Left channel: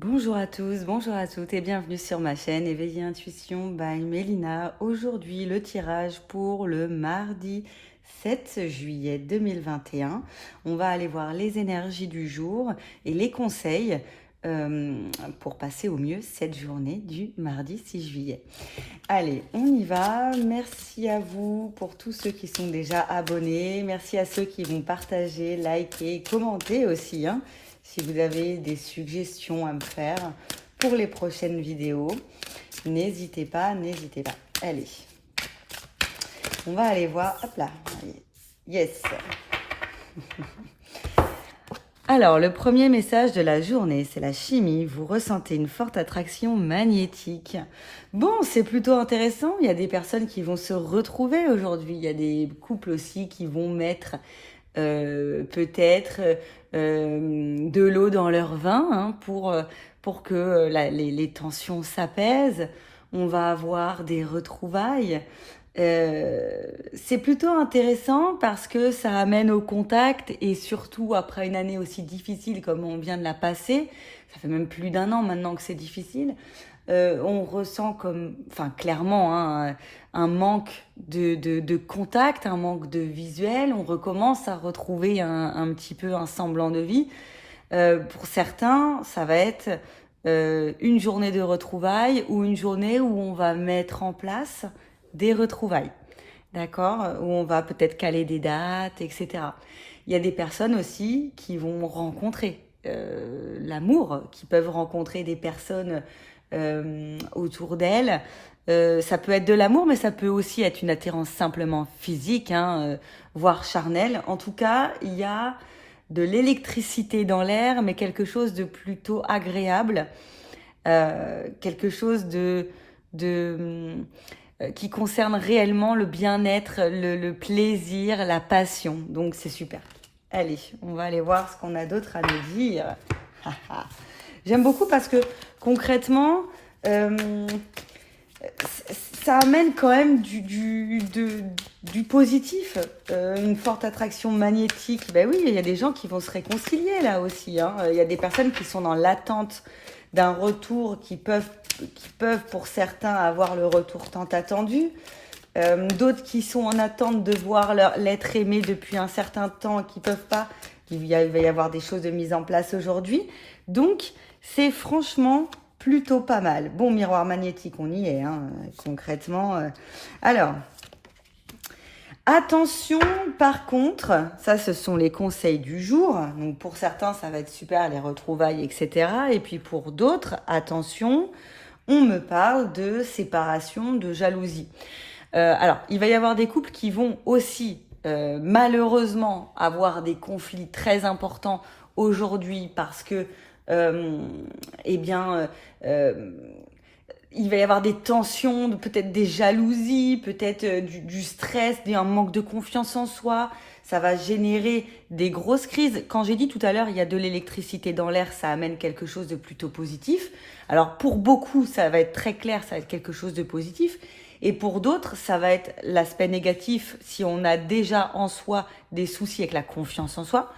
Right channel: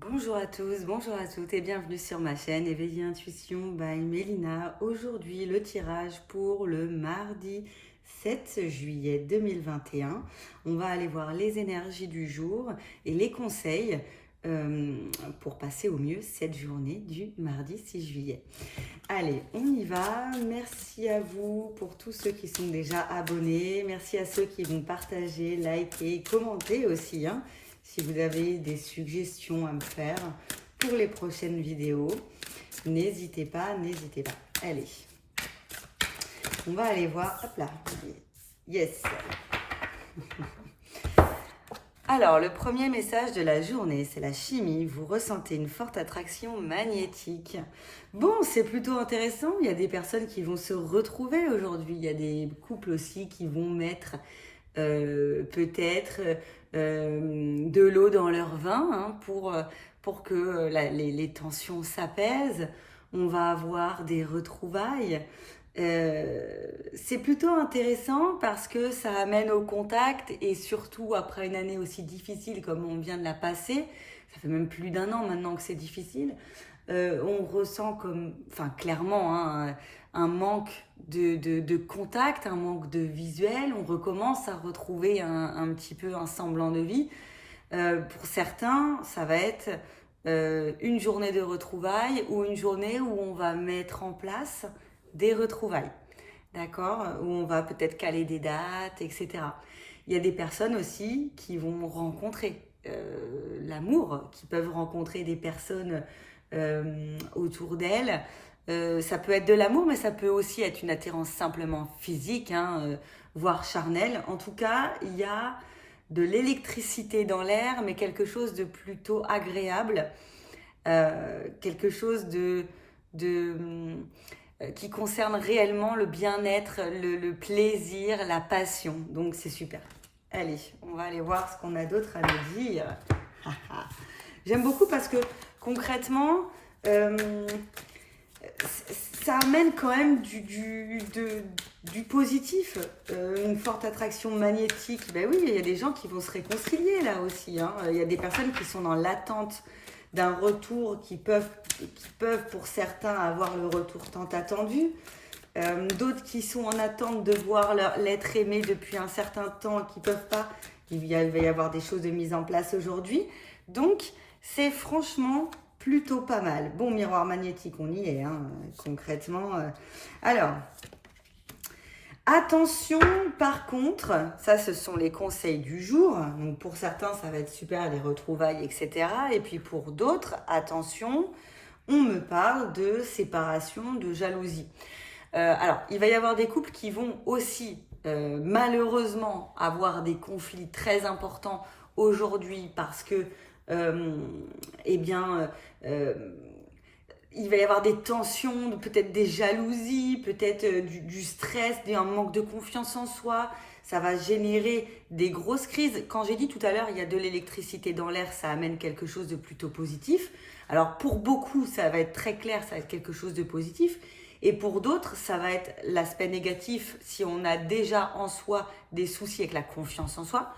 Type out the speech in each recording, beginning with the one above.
Bonjour à tous, bonjour à toutes et bienvenue sur ma chaîne Éveiller Intuition by Mélina. Aujourd'hui, le tirage pour le mardi 7 juillet 2021. On va aller voir les énergies du jour et les conseils pour passer au mieux cette journée du mardi 6 juillet. Allez, on y va. Merci à vous pour tous ceux qui sont déjà abonnés. Merci à ceux qui vont partager, liker, commenter aussi, hein. Si vous avez des suggestions à me faire pour les prochaines vidéos, n'hésitez pas, n'hésitez pas. Allez, on va aller voir. Hop là, yes. Alors, le premier message de la journée, c'est la chimie. Vous ressentez une forte attraction magnétique. Bon, c'est plutôt intéressant. Il y a des personnes qui vont se retrouver aujourd'hui. Il y a des couples aussi qui vont mettre peut-être de l'eau dans leur vin, hein, pour que les tensions s'apaisent. On va avoir des retrouvailles. C'est plutôt intéressant parce que ça amène au contact et surtout après une année aussi difficile comme on vient de la passer, ça fait même plus d'un an maintenant que c'est difficile, on ressent comme, enfin clairement, hein, un manque de contact, un manque de visuel, on recommence à retrouver un petit peu un semblant de vie. Pour certains, ça va être une journée de retrouvailles ou une journée où on va mettre en place des retrouvailles, d'accord, où on va peut-être caler des dates, etc. Il y a des personnes aussi qui vont rencontrer l'amour, qui peuvent rencontrer des personnes autour d'elles. Ça peut être de l'amour, mais ça peut aussi être une attirance simplement physique, hein, voire charnelle. En tout cas, il y a de l'électricité dans l'air, mais quelque chose de plutôt agréable, quelque chose de qui concerne réellement le bien-être, le plaisir, la passion. Donc c'est super. Allez, on va aller voir ce qu'on a d'autre à nous dire. J'aime beaucoup parce que concrètement, ça amène quand même du positif, une forte attraction magnétique. Ben oui, il y a des gens qui vont se réconcilier là aussi, hein. Il y a des personnes qui sont dans l'attente d'un retour, qui peuvent pour certains avoir le retour tant attendu. D'autres qui sont en attente de voir l'être aimé depuis un certain temps, qui peuvent pas. Va y avoir des choses de mise en place aujourd'hui. Donc, c'est franchement plutôt pas mal. Bon, miroir magnétique, on y est, hein, concrètement. Alors, attention, par contre, ça, ce sont les conseils du jour. Donc, pour certains, ça va être super, les retrouvailles, etc. Et puis, pour d'autres, attention, on me parle de séparation, de jalousie. Alors, il va y avoir des couples qui vont aussi, malheureusement, avoir des conflits très importants aujourd'hui parce que, eh bien, il va y avoir des tensions, peut-être des jalousies, peut-être du stress, un manque de confiance en soi. Ça va générer des grosses crises. Quand j'ai dit tout à l'heure, il y a de l'électricité dans l'air, ça amène quelque chose de plutôt positif. Alors pour beaucoup, ça va être très clair, ça va être quelque chose de positif. Et pour d'autres, ça va être l'aspect négatif si on a déjà en soi des soucis avec la confiance en soi.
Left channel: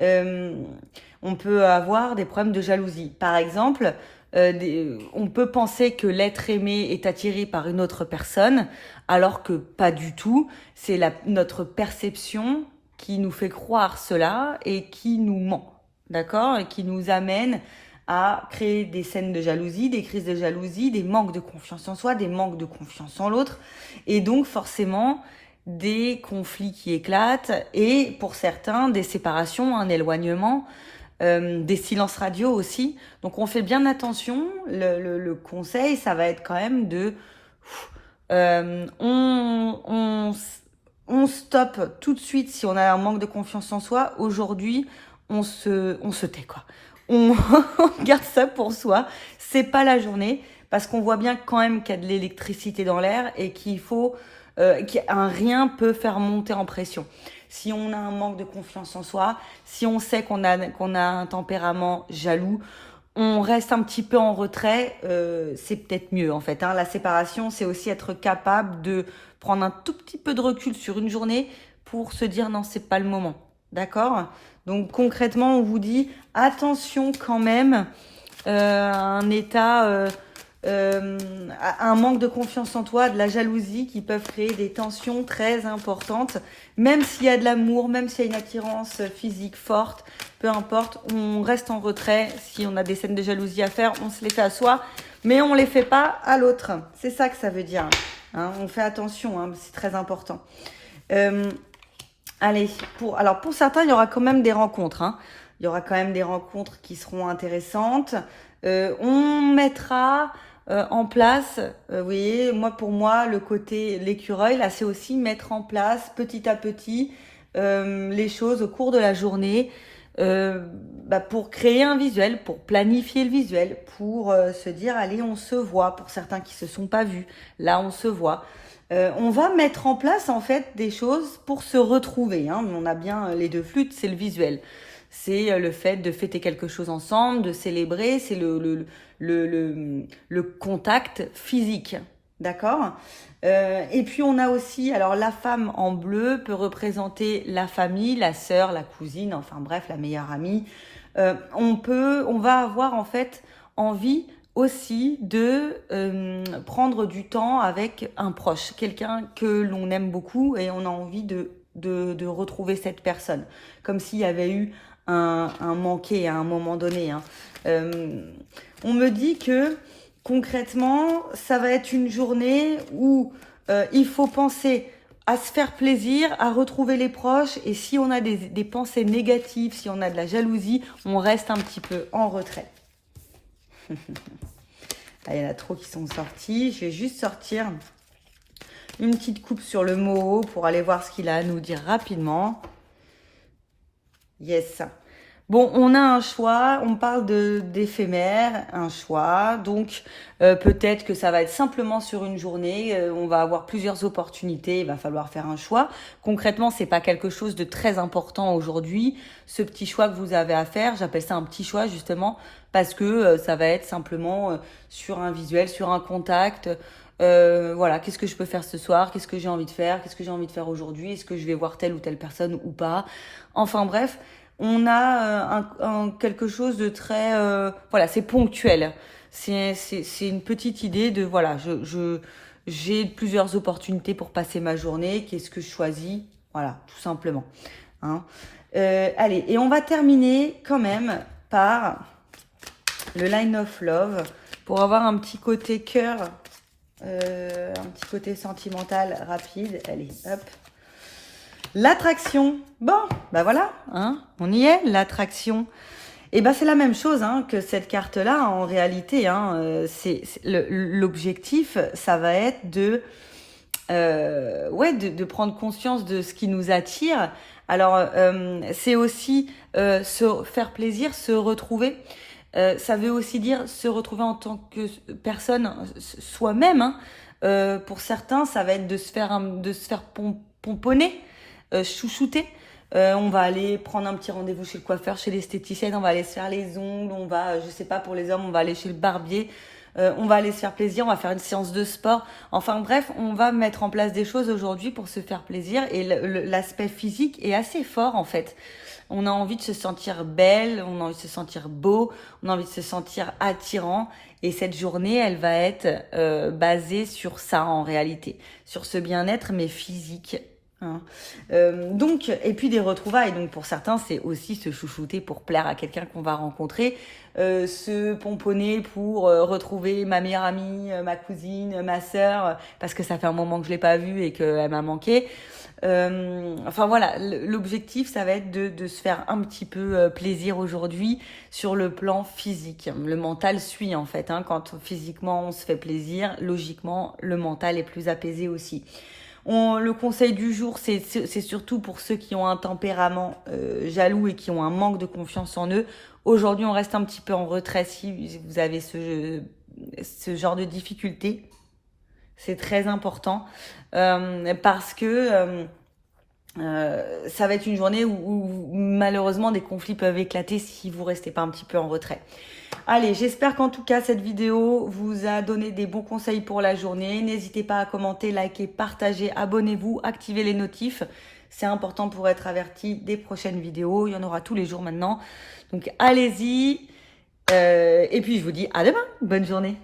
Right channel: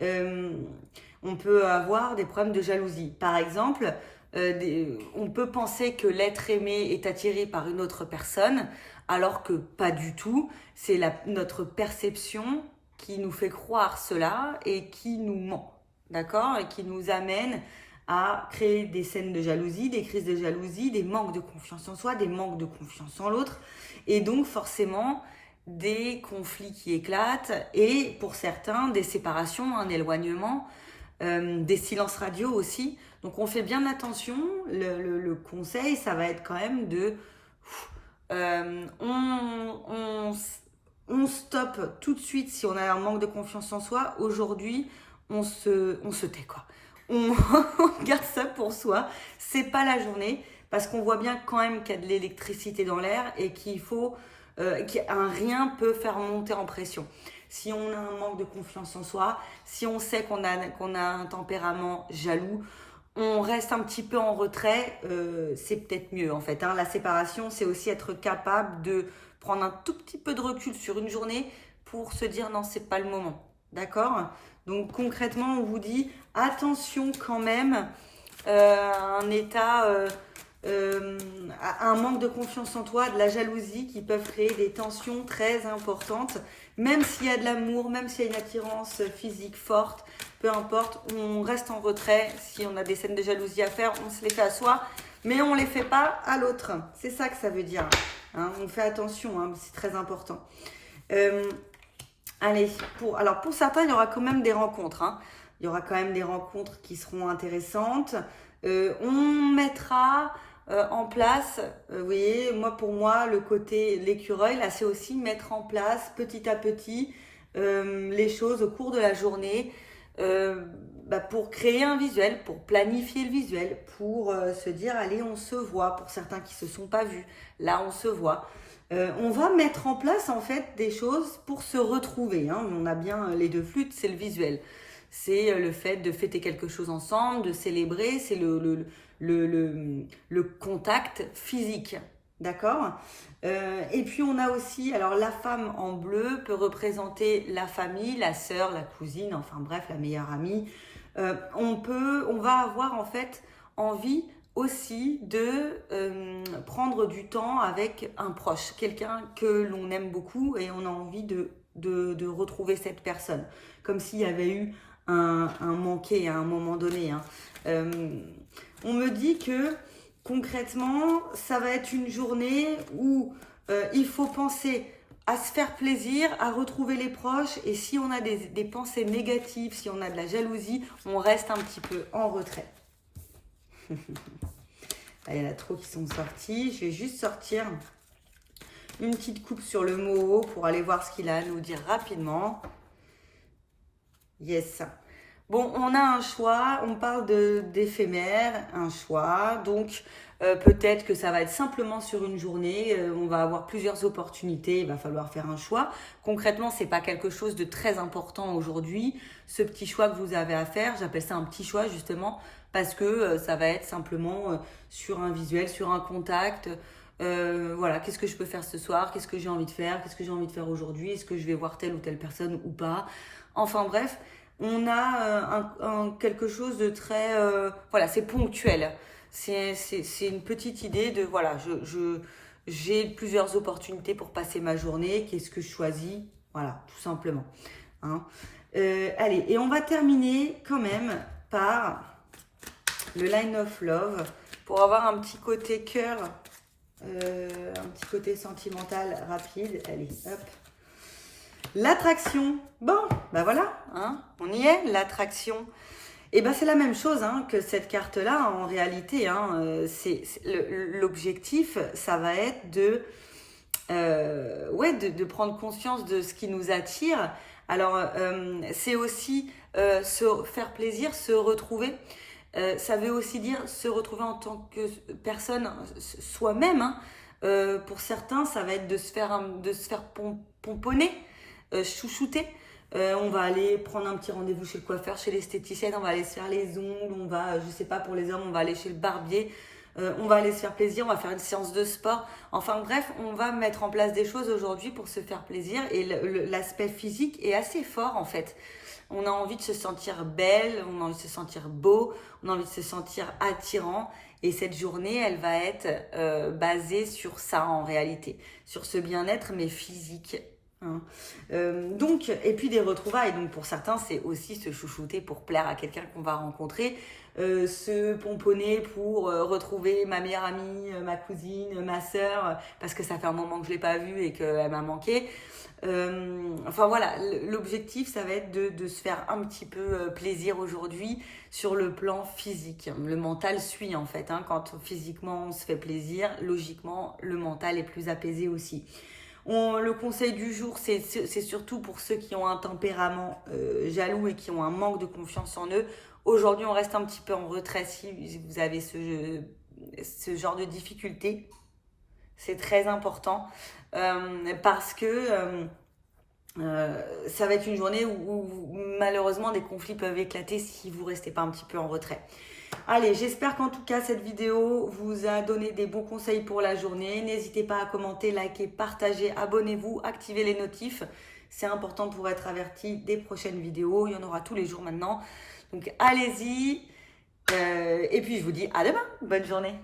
Euh, on peut avoir des problèmes de jalousie. Par exemple, on peut penser que l'être aimé est attiré par une autre personne, alors que pas du tout. C'est notre perception qui nous fait croire cela et qui nous ment, d'accord? Et qui nous amène à créer des scènes de jalousie, des crises de jalousie, des manques de confiance en soi, des manques de confiance en l'autre, et donc forcément des conflits qui éclatent, et pour certains, des séparations, un éloignement, des silences radio aussi. Donc on fait bien attention. Le conseil, ça va être quand même de... euh, on, on, on stoppe tout de suite si on a un manque de confiance en soi. Aujourd'hui, on se tait, quoi. On, on garde ça pour soi. C'est pas la journée parce qu'on voit bien quand même qu'il y a de l'électricité dans l'air et qu'il faut qu'un rien peut faire monter en pression. Si on a un manque de confiance en soi, si on sait qu'on a un tempérament jaloux, on reste un petit peu en retrait, c'est peut-être mieux en fait, hein. La séparation, c'est aussi être capable de prendre un tout petit peu de recul sur une journée pour se dire non, c'est pas le moment. D'accord? Donc concrètement, on vous dit attention quand même un état, un manque de confiance en toi, de la jalousie qui peuvent créer des tensions très importantes. Même s'il y a de l'amour, même s'il y a une attirance physique forte, peu importe, on reste en retrait. Si on a des scènes de jalousie à faire, on se les fait à soi, mais on ne les fait pas à l'autre. C'est ça que ça veut dire. Hein, on fait attention, hein, c'est très important. Allez, alors pour certains, il y aura quand même des rencontres. Hein. Il y aura quand même des rencontres qui seront intéressantes. On mettra en place, vous voyez, pour moi, le côté l'écureuil, là, c'est aussi mettre en place petit à petit les choses au cours de la journée pour créer un visuel, pour planifier le visuel, pour se dire, allez, on se voit. Pour certains qui se sont pas vus, là, on se voit. On va mettre en place en fait des choses pour se retrouver. Hein. On a bien les deux flûtes, c'est le visuel. C'est le fait de fêter quelque chose ensemble, de célébrer, c'est le contact physique. D'accord. Et puis on a aussi, alors la femme en bleu peut représenter la famille, la sœur, la cousine, enfin bref, la meilleure amie. On va avoir en fait envie aussi de prendre du temps avec un proche, quelqu'un que l'on aime beaucoup et on a envie de retrouver cette personne, comme s'il y avait eu un manqué à un moment donné. Hein. On me dit que concrètement, ça va être une journée où il faut penser à se faire plaisir, à retrouver les proches, et si on a des pensées négatives, si on a de la jalousie, on reste un petit peu en retrait. Ah, il y en a trop qui sont sortis. Je vais juste sortir une petite coupe sur le mot pour aller voir ce qu'il a à nous dire rapidement. Yes. Bon, on a un choix, on parle d'éphémère, un choix, donc peut-être que ça va être simplement sur une journée, on va avoir plusieurs opportunités, il va falloir faire un choix. Concrètement, c'est pas quelque chose de très important aujourd'hui, ce petit choix que vous avez à faire, j'appelle ça un petit choix justement, parce que ça va être simplement sur un visuel, sur un contact. Voilà, qu'est-ce que je peux faire ce soir, qu'est-ce que j'ai envie de faire, qu'est-ce que j'ai envie de faire aujourd'hui, est-ce que je vais voir telle ou telle personne ou pas. Enfin bref, on a quelque chose de très... voilà, c'est ponctuel. C'est une petite idée de, voilà, j'ai plusieurs opportunités pour passer ma journée, qu'est-ce que je choisis, voilà, tout simplement. Hein. Allez, et on va terminer quand même par le Line of Love, pour avoir un petit côté cœur, un petit côté sentimental rapide. Allez, hop. L'attraction, bon, bah voilà, hein, on y est, l'attraction. Et ben c'est la même chose hein, que cette carte-là, en réalité. Hein, l'objectif, ça va être de prendre conscience de ce qui nous attire. Alors, c'est aussi se faire plaisir, se retrouver. Ça veut aussi dire se retrouver en tant que personne soi-même. Hein. Pour certains, ça va être de se faire pomponner. Chouchouter. On va aller prendre un petit rendez-vous chez le coiffeur, chez l'esthéticienne, on va aller se faire les ongles, on va, je sais pas, pour les hommes, on va aller chez le barbier, on va aller se faire plaisir, on va faire une séance de sport. Enfin bref, on va mettre en place des choses aujourd'hui pour se faire plaisir et l'aspect physique est assez fort en fait. On a envie de se sentir belle, on a envie de se sentir beau, on a envie de se sentir attirant. Et cette journée, elle va être basée sur ça en réalité, sur ce bien-être mais physique. Hein. Donc, et puis des retrouvailles. Donc pour certains, c'est aussi se chouchouter pour plaire à quelqu'un qu'on va rencontrer, se pomponner pour retrouver ma meilleure amie, ma cousine, ma sœur, parce que ça fait un moment que je l'ai pas vue et qu'elle m'a manqué. Enfin voilà, l'objectif, ça va être de se faire un petit peu plaisir aujourd'hui sur le plan physique. Le mental suit en fait. Hein, quand physiquement on se fait plaisir, logiquement le mental est plus apaisé aussi. Le conseil du jour, c'est surtout pour ceux qui ont un tempérament jaloux et qui ont un manque de confiance en eux. Aujourd'hui, on reste un petit peu en retrait si vous avez ce genre de difficultés. C'est très important parce que ça va être une journée où malheureusement des conflits peuvent éclater si vous ne restez pas un petit peu en retrait. Allez, j'espère qu'en tout cas cette vidéo vous a donné des bons conseils pour la journée. N'hésitez pas à commenter, liker, partager, abonnez-vous, activez les notifs. C'est important pour être averti des prochaines vidéos. Il y en aura tous les jours maintenant. Donc allez-y Et puis je vous dis à demain. Bonne journée.